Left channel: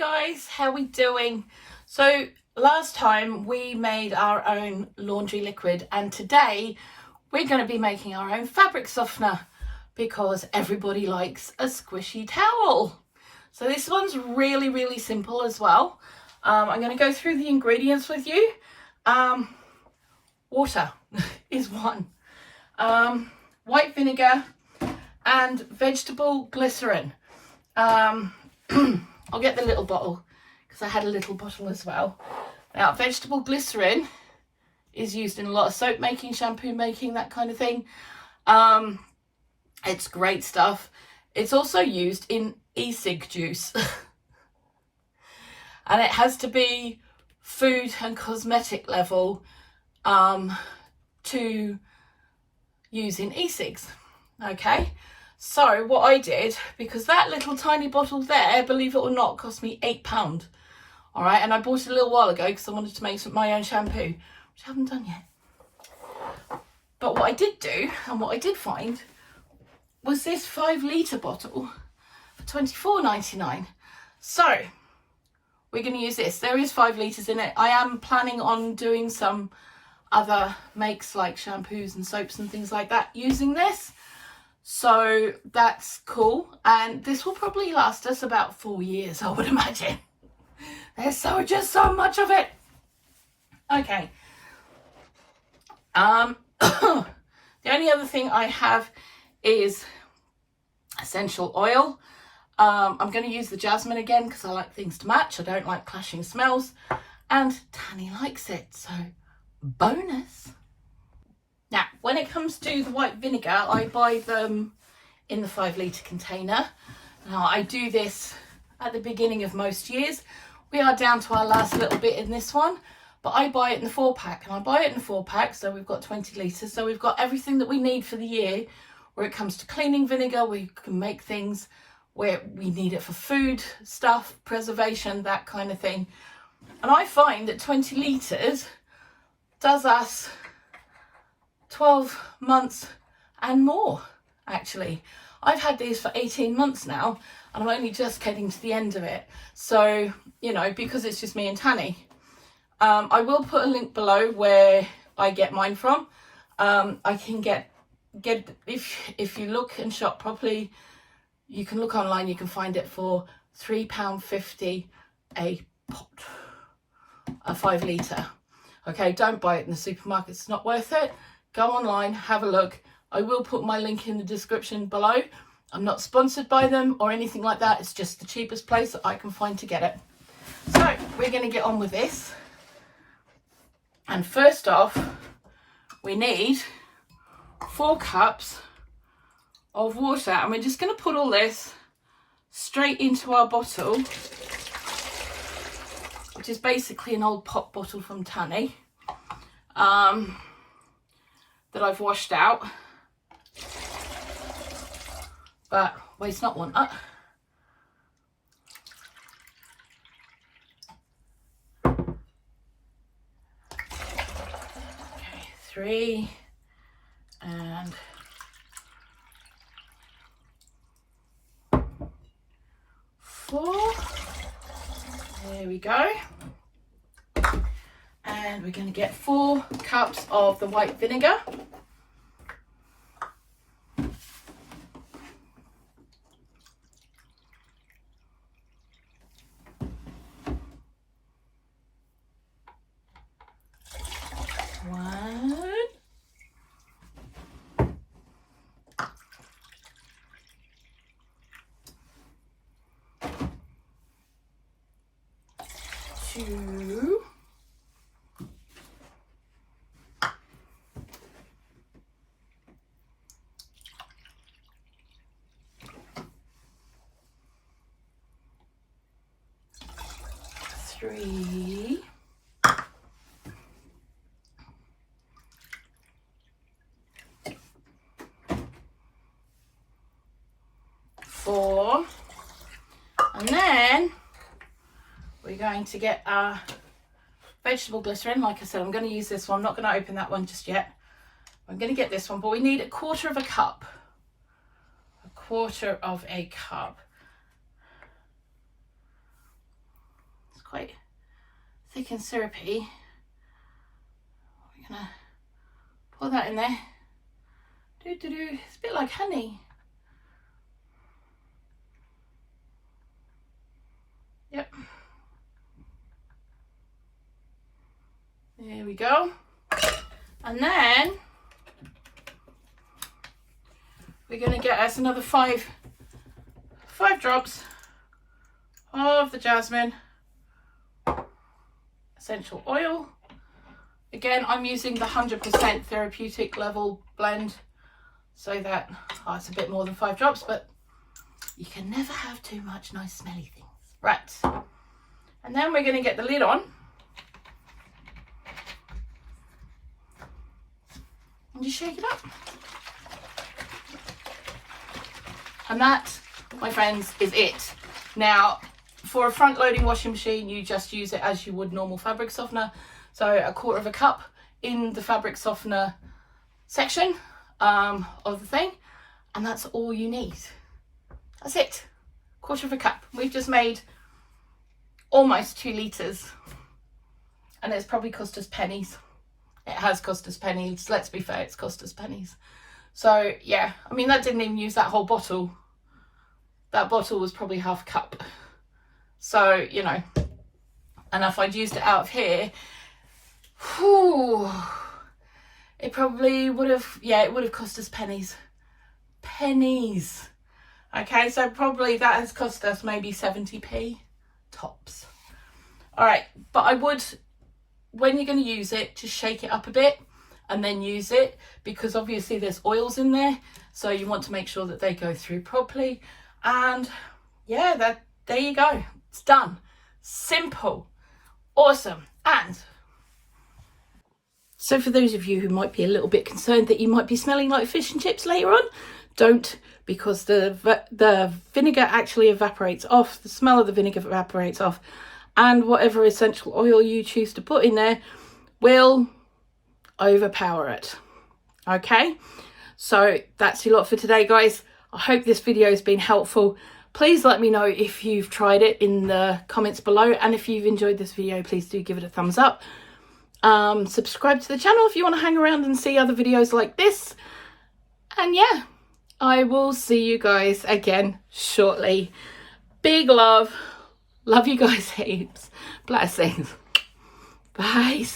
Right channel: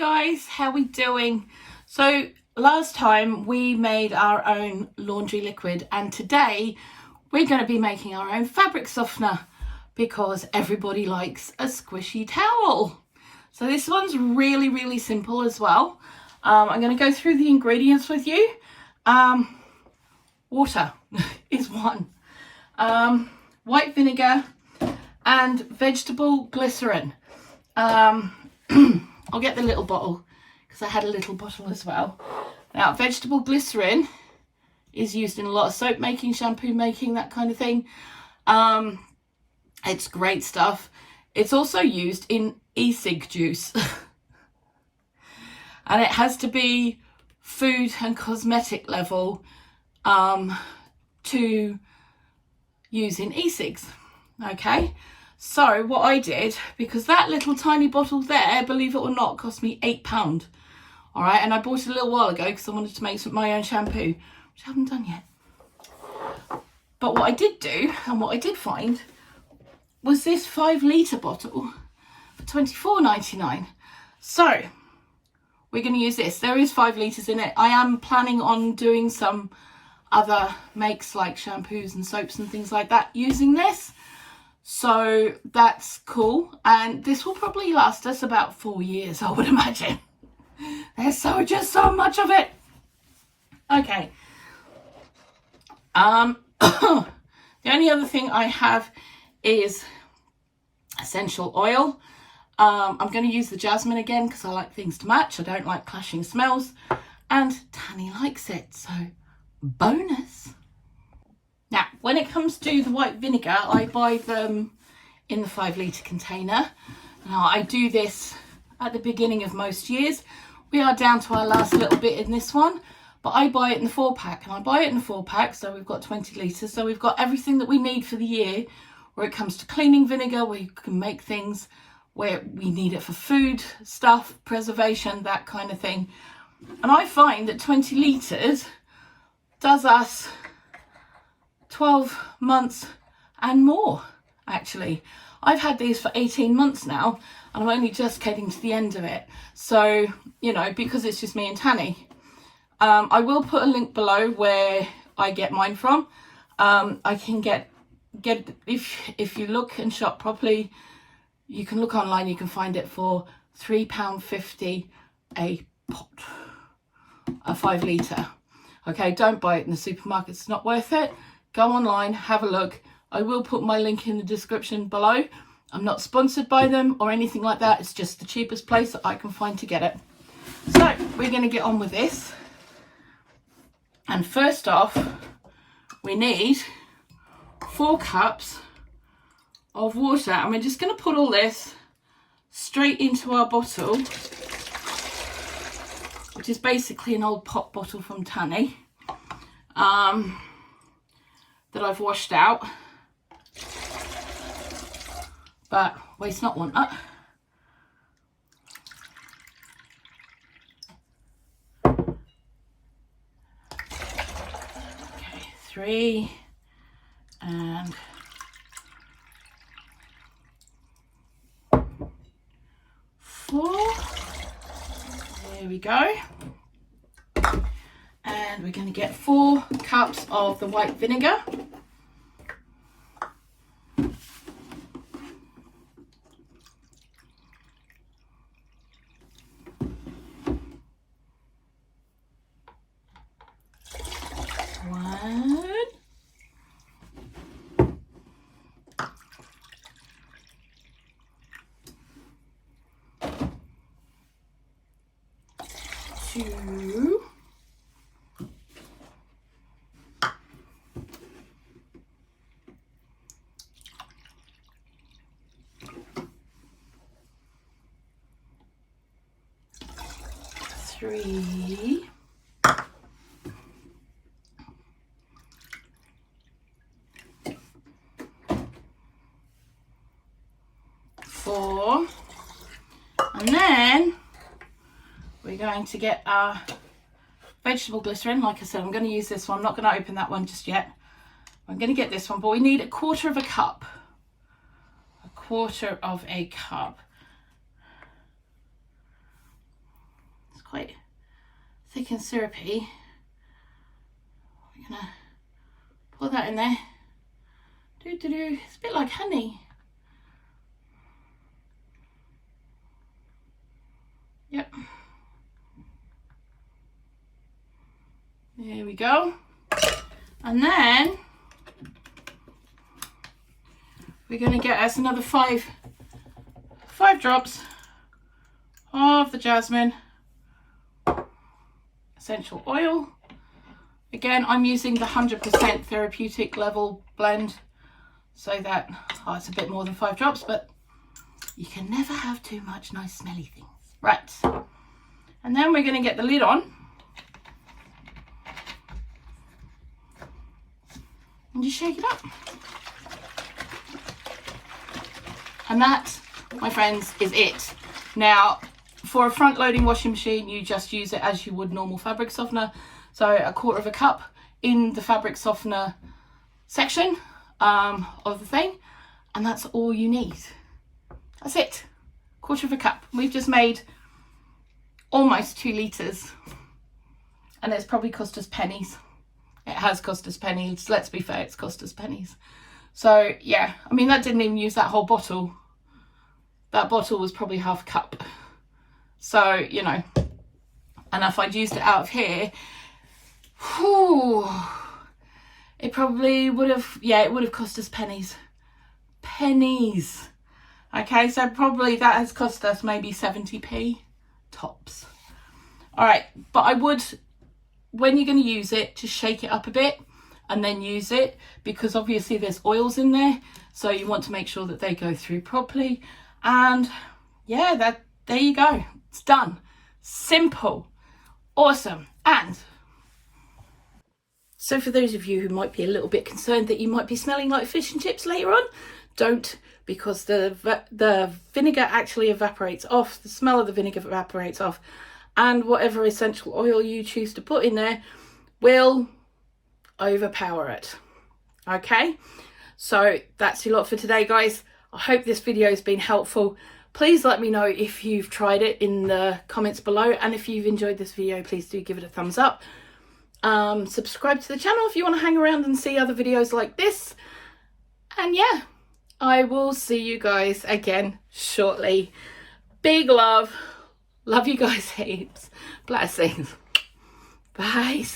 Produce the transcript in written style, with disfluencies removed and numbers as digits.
guys, how we doing? So last time we made our own laundry liquid, and today we're going to be making our own fabric softener because everybody likes a squishy towel. So this one's really simple as well. I'm going to go through the ingredients with you. Water is one, white vinegar and vegetable glycerin. I'll get the little bottle because I had a little bottle as well. Now, vegetable glycerin is used in a lot of soap making, shampoo making, that kind of thing. It's great stuff. It's also used in e-cig juice. And it has to be food and cosmetic level to use in e-cigs. Okay. So what I did, because that little tiny bottle there, believe it or not, cost me £8. All right, and I bought it a little while ago because I wanted to make my own shampoo, which I haven't done yet. But what I did do, and what I did find, was this 5 litre bottle for £24.99. So we're going to use this. There is 5 litres in it. I am planning on doing some other makes like shampoos and soaps and things like that using this. So that's cool, and this will probably last us about 4 years, I would imagine. There's just so much of it. Okay. The only other thing I have is essential oil. I'm going to use the jasmine again because I like things to match. I don't like clashing smells, and Tanny likes it, so bonus. Now, when it comes to the white vinegar, I buy them in the 5 litre container. Now, I do this at the beginning of most years. We are down to our last little bit in this one, but I buy it in the 4-pack, and I buy it in the 4-pack, so we've got 20 litres. So we've got everything that we need for the year where it comes to cleaning vinegar, where you can make things where we need it for food stuff, preservation, that kind of thing. And I find that 20 litres does us 12 months and more, actually. I've had these for 18 months now, and I'm only just getting to the end of it. So, you know, because it's just me and Tanny. I will put a link below where I get mine from. I can get if you look and shop properly, you can look online, you can find it for £3.50 a pot, a 5 litre. Okay, don't buy it in the supermarket, it's not worth it. Go online, have a look. I will put my link in the description below. I'm not sponsored by them or anything like that. It's just the cheapest place that I can find to get it. So we're going to get on with this. And first off, we need 4 cups of water. And we're just going to put all this straight into our bottle, which is basically an old pop bottle from Tanny. That I've washed out, but waste not, want not. Okay, 3 and 4. There we go. And we're going to get 4 cups of the white vinegar. One. 2. 3. 4. And then we're going to get our vegetable glycerin. Like I said, I'm going to use this one. I'm not going to open that one just yet. I'm going to get this one, but we need 1/4 cup. 1/4 cup. quite thick and syrupy. We're gonna pour that in there. It's a bit like honey. Yep. There we go. And then we're going to get us another five drops of the jasmine essential oil. Again, I'm using the 100% therapeutic level blend, so that it's a bit more than 5 drops, but you can never have too much nice smelly things. Right, and then we're going to get the lid on and just shake it up. And that, my friends, is it. Now, for a front loading washing machine, you just use it as you would normal fabric softener. So 1/4 cup in the fabric softener section of the thing, and that's all you need. That's it. 1/4 cup. We've just made almost 2 litres, and it's probably cost us pennies. It has cost us pennies. Let's be fair, it's cost us pennies. So yeah, I mean, that didn't even use that whole bottle. That bottle was probably 1/2 cup. So, you know, and if I'd used it out of here, whew, it probably would have, yeah, it would have cost us pennies. Pennies. Okay, so probably that has cost us maybe 70p tops. All right, but I would, when you're going to use it, just shake it up a bit and then use it, because obviously there's oils in there, so you want to make sure that they go through properly. And yeah, there you go. It's done. Simple. Awesome. And so for those of you who might be a little bit concerned that you might be smelling like fish and chips later on, don't, because the vinegar actually evaporates off. The smell of the vinegar evaporates off, and whatever essential oil you choose to put in there will overpower it. Okay, so that's a lot for today, guys. I hope this video has been helpful. Please let me know if you've tried it in the comments below, and if you've enjoyed this video, please do give it a thumbs up. Subscribe to the channel if you want to hang around and see other videos like this. And yeah, I will see you guys again shortly. Big love. Love you guys heaps. Blessings. Bye.